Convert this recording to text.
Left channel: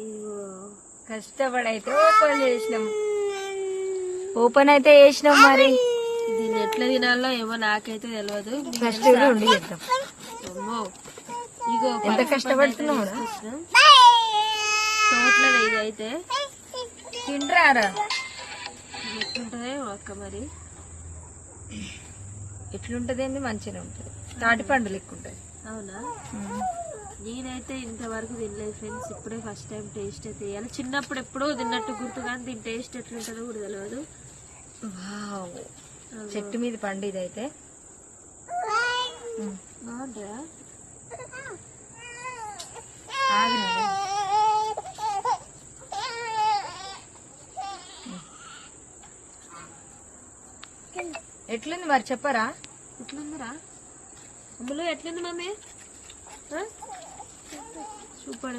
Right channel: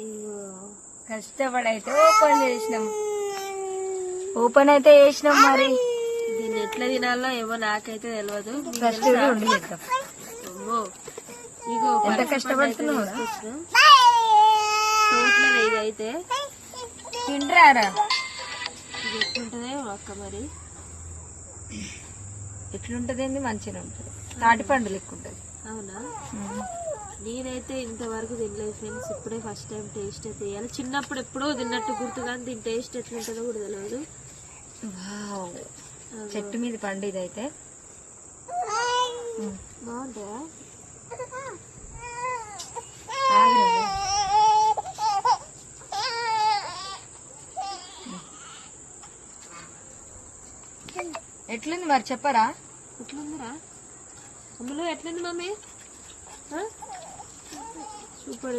ఇగో కష్టపడైతే open అయితే చేసినాం మరి దీన్ని ఎట్లా తినాలో ఏమో నాకైతే తెలియదు. కష్టపడి ఉండి చేద్దాం. అమ్మో ఇగో ఎంత కష్టపడుతున్నావు చేతులలో ఇది అయితే తింటారా ఇది ఎట్లుంటదో అక్క మరి. ఎట్లుంటది మంచిగా ఉంటుంది. తాటి పండు లెక్క ఉంటుంది. అవునా? నేనైతే ఇంతవరకు తినలేదు ఫ్రెండ్స్. ఇప్పుడే ఫస్ట్ టైం టేస్ట్ అయితే చేయాలి. చిన్నప్పుడు ఎప్పుడో తిన్నట్టు గుర్తు కానీ దీని టేస్ట్ ఎట్లుంటుందో కూడా తెలియదు. చెట్టు మీద పండు ఇదైతే బాగుంటుందా? ఎట్లుంది మరి చెప్పరా? ఎట్లుందిరా అందులో? ఎట్లుంది మమ్మీ? సూపర్.